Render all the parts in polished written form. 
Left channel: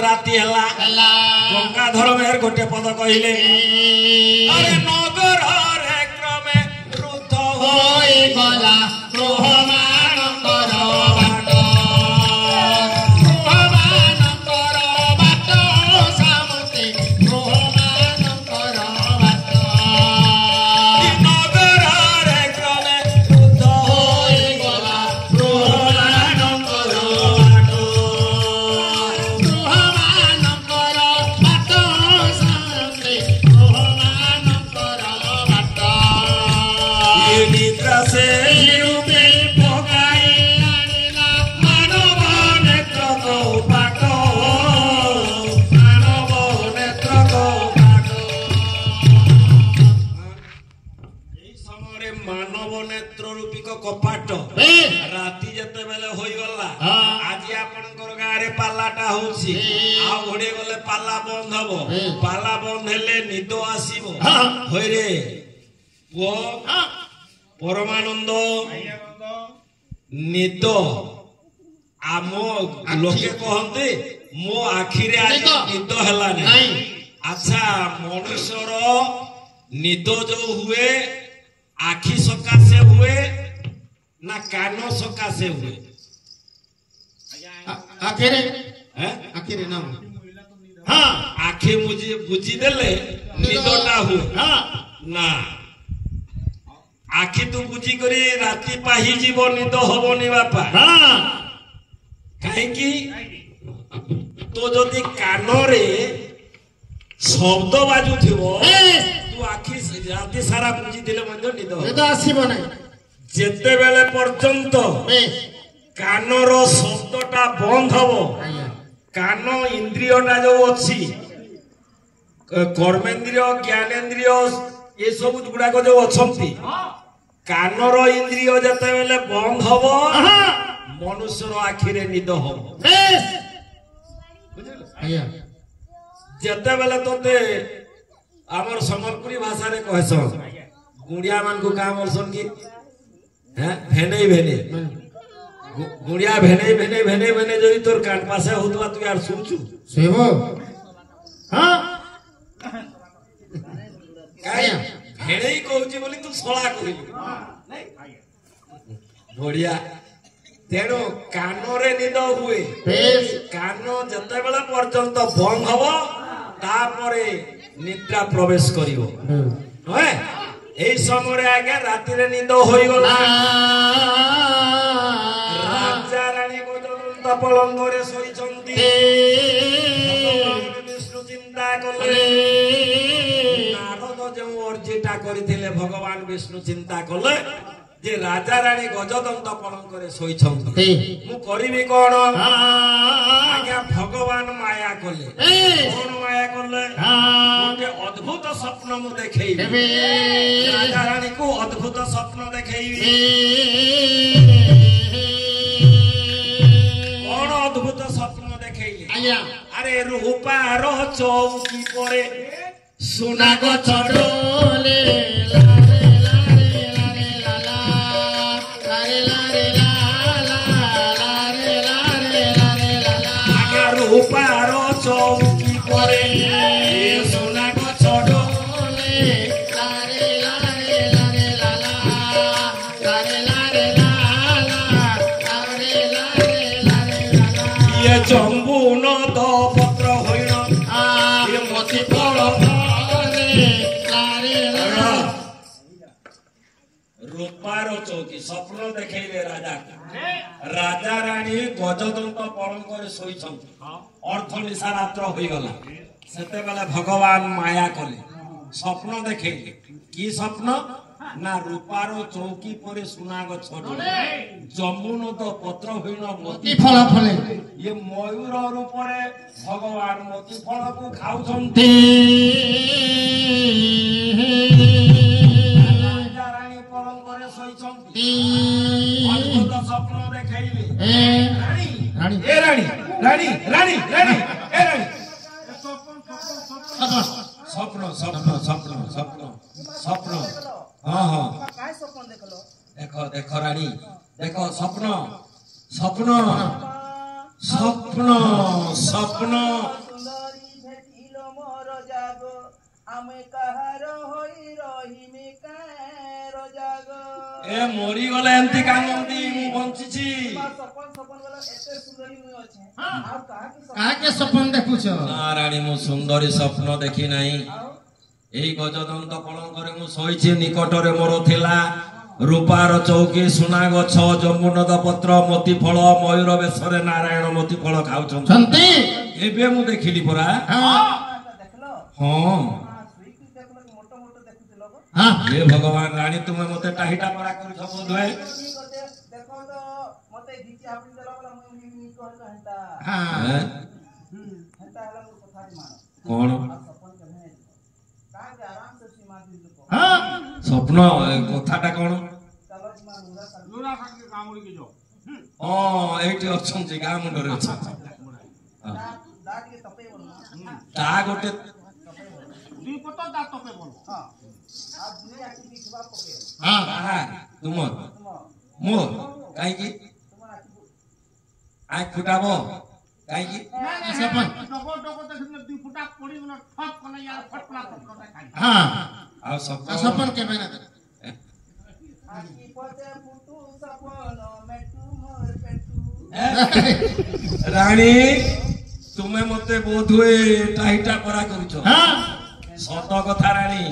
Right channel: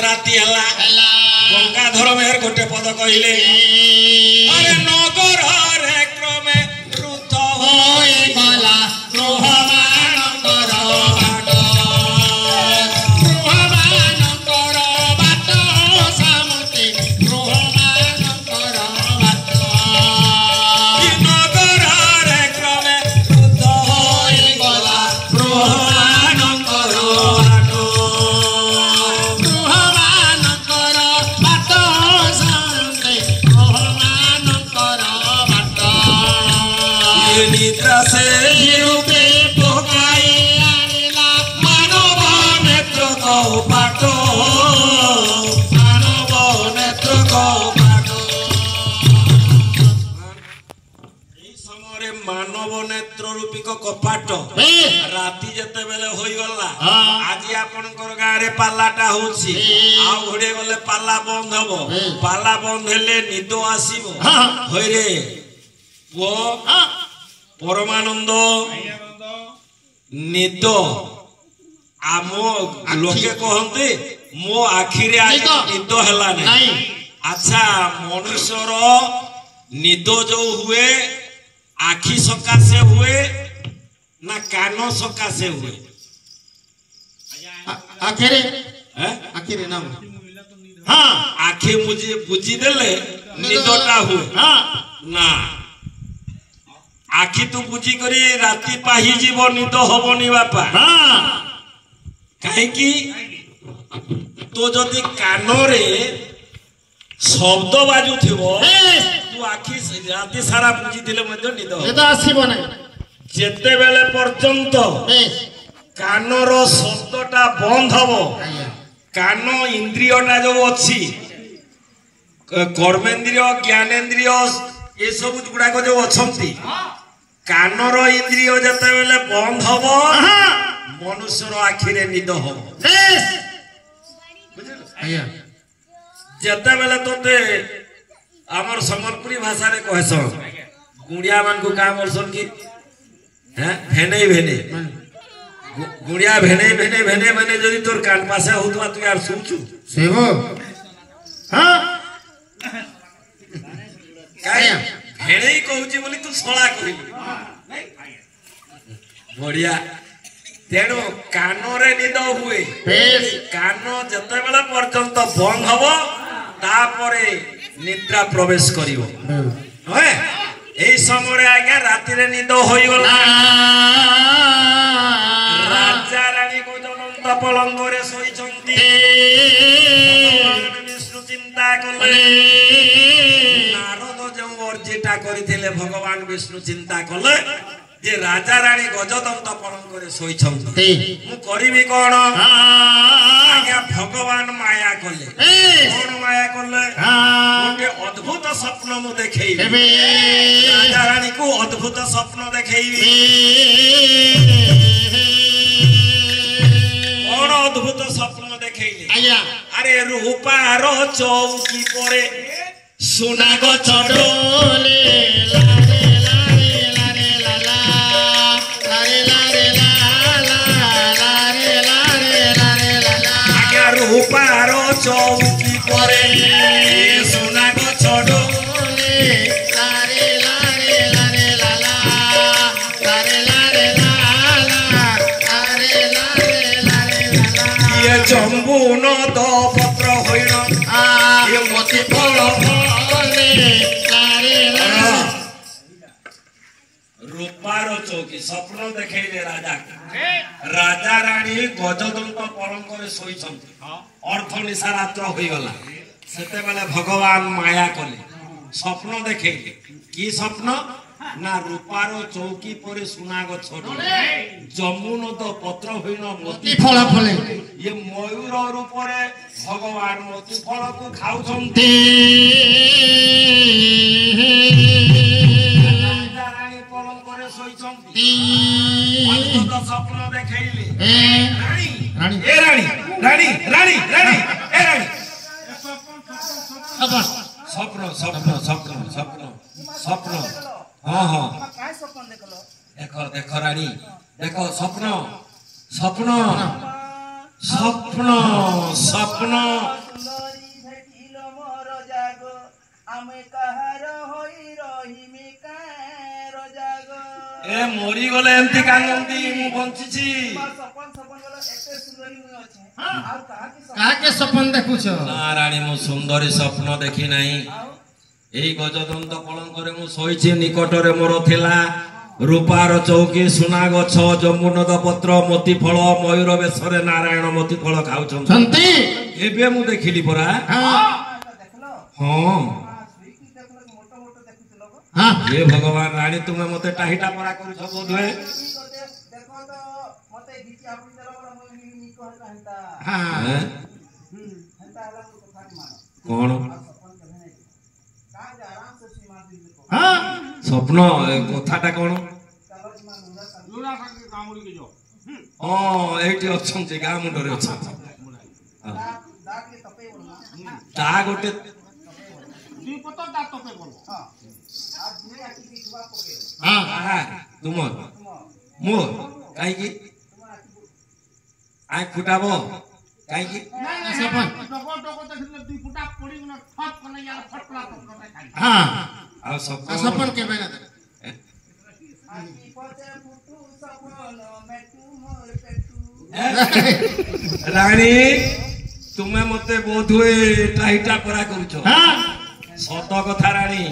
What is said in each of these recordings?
राति हला गंगाधर मेहर गोटे पद कहले अरे नगर रे क्रमे रुद्ध होई गला कपाट राति जते बेले होई गला आज आपनकर गारे पालाटा होछि आ घोड़े बेले पाला बंद हबो पाला बंद हेले निदो आसीबो होय रे वो परमानंद निदो आमो लोके कहंते मो आखिरे आज निदो हला नहीं अच्छा मनुष्यर निदो जो हुए आखि सकासे हुए ना कानो सकासे हुए आखिरे आखिरे ना हाँ आखि मुझे बुझी देले निदोटा हुए ना आखि तू बुझी करी राति पाही जीव निद हबनी बापा कहीं की तो जदि कानरे शब्द बाजू थिबो तू आखि राति सारा बुझी दिले मध्य निद आसीबो नै जेते बेले पर्यंत कानर शब्दटा बंद हबो कान इंद्रियटा जो अछि कर्मेंद्रिय ज्ञानेंद्रिय ये सब गुडा को जो अछंती कानर इंद्रिय जेते बेले बंद हबो मनुष्यर आखिरे निद हबो जेते बेले तोते हमर सम्बलपुरी भाषा रे कहसन गुड़िया मान को का बोलसन की भेने भेने गुड़िया भेने भेने भेने भेने जदि तोर कान पासे होतवा तू यार सुनछु सेवो हां काय भेने ही कहउची बोली तू सोळा करी बढ़िया तेणु कानरे निद हुए कान जते बेला पर्यंत बंद हबो तापरे निद्रा प्रवेश करिवो होय এই সময় আগে রাতে নিদ হই গলা রাজা রানী গজমন্ত পলঙ্গরে শোইছন্তি বিষ্ণু চিন্তা কলে নারদ যে অর্জিটা করিଥିଲେ ভগবান বিষ্ণু চিন্তা কলে যে রাজা রানী গজদন্ত পলঙ্গরে শোইছন্তি মু করিবি কোন আগে ভগবান মায়া কলে কোন মায়া কলে গোটে অদ্ভুত স্বপ্ন মু দেখাইবি রাজা রানী को अद्भुत स्वप्न देखेबी और अद्भुत स्वप्न देखेइले अरे रूपार चौकी परे सोना गछ डोले रूपार चौकी परे सोना गछ डोले जम्बू नद पत्र होइल ये मति फल रूपार चौकी स्वप्न देखेइले राजा राजा रानी गजदंत पलंगरे शोइछन्ति अर्थ निशा रात्र होई गला सेते बेले भगवान माया कले स्वप्न देखेइले की स्वप्न ना रूपार चौकी परे सुना गछ जमुनद पत्र होइल मोती फल फले ये मयूर रूपरे भगवान मोती फल को खाउछन्ति रानी पलंगरे शोइछन्ति अद्भुत स्वप्न देखाइले रानी ए रानी रानी रानी रानी ए रानी स्वप्न स्वप्न स्वप्न स्वप्न स्वप्न हाँ हाँ देखो देखो रानी देखो स्वप्न स्वप्न स्वप्न स्वप्न ଆମେ କାହାର ହୋଇ ରହିମି କାହାର ଜାଗ ଏ ମରି ଗଲେ ଏମିତି କାନ୍ଦନ୍ତି ମୁଁ ବଞ୍ଚିଛି ସପନ ସପନ ବୋଲ ଏତେ ସୁନ୍ଦରୀ ମୁଁ ଅଛି ଆଉ କାହାକେ ସପନ ଦେଖୁଛ ନା ରାଣୀ ମୁଁ ସୁନ୍ଦରୀ ସ୍ୱପ୍ନ ଦେଖି ନାହିଁ ଏଇ ଗଜଦନ୍ତ ପଲଙ୍କରେ ମୁଁ ଶୋଇଛି ନିକଟରେ ମୋର ଥିଲା ରୂପାର ଚୌକି ସୁନା ଗଛ ଜମ୍ବୁନଦ ପତ୍ର ମୋତି ଫଳ ମୟୂର ବେଶରେ ନାରାୟଣ ମୋତି ଫଳ ଖାଉଛନ୍ତି ଏବେ ମୁଁ ଦେଖିଲି ପରା ଦେଖିଲ ହଁ ଶୋଇକି ଦେଖିଲ ମୋଟ ମୋଟ ଦେଖୁଥିଲ ହେ ଭଗବାନ ରାଣୀ ତୁମେ ମତେ ଟାହିଟା ପରା କରୁଛ ବୋଧହୁଏ ଦେଖ ତ ମତେ ଘିଚି ଆପି ଦେଲ ବୋଲେ ମୁଁ ନି କହିଲା ହେନ୍ତା ହେନ୍ତା ହେଲା ମୁଁ କଥା ମାନ କଣ ସପନ କେବେ ନାହିଁ କାहे ଆରାମ से सीमा दी देखो ସ୍ୱପ୍ନ କଥାଟା କଣ ଚାଲ सीमा ଲୁଣା ସାଙ୍ଗେ କାମୁଡ଼ିକି ଯାଅ ହଁ ଏଇଠି ଅଛନ୍ତି ଗାଁ ମୁଣ୍ଡରେ ଅଛନ୍ତି ଦା ଟିକେ ତପେଇ ବୋଲ ତା ଗୋଟେ ଦୁଇ ପତ ତା ତପେ ବୋଲ हां आज दुई आकी दिखवा पके ତୁମର ମୋର କାହିଁକି ଆଇ ଫୁଟାବ କାହିଁକି ଡଗ ଡଗ ଦେଖିଲେ ଦୁଇ ଫୁଟା ପଡ଼ିଗଲା ଠକ୍ କଲେ ୟାର ଫଟଲା ପକଟା ଖାଇ ଆଉ ସପନ କେବେ ନା आकी पते फुटू सपन मेटू मोर पेटू ରାଣୀ ତୁମେ ମତେ ବୋଧହୁଏ ଟାହିଟା ପରା କରୁଛ ସତ କଥା ରାଣୀ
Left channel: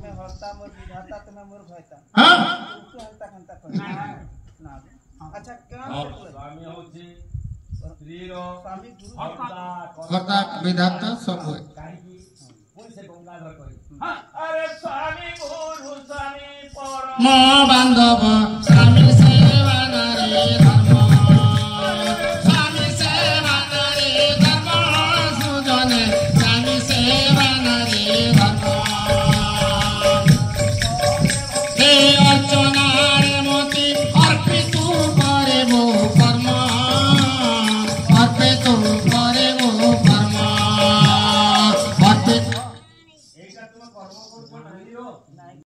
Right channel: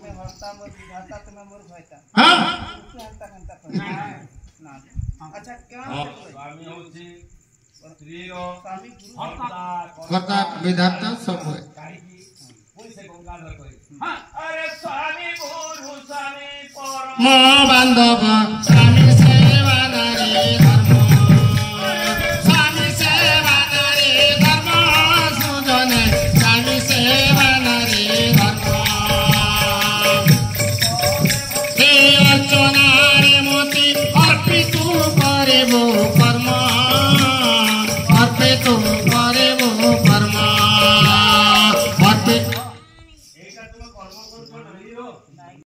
में हरता मोर विधाता तमे मोर भयता तू हंता हंता पर ना अच्छा क्या ସ୍ୱାମୀ ହଉଛି ସ୍ତ୍ରୀର स्वामी गुरु କଥା ବିଧାତା ସବୁ କାହିଁକି ପୁଣି ସେ ଗଙ୍ଗାଧର କହି ଆରେ ସ୍ୱାମୀ ଗୁରୁ ସ୍ୱାମୀ ପର ମୋ ବାନ୍ଧବ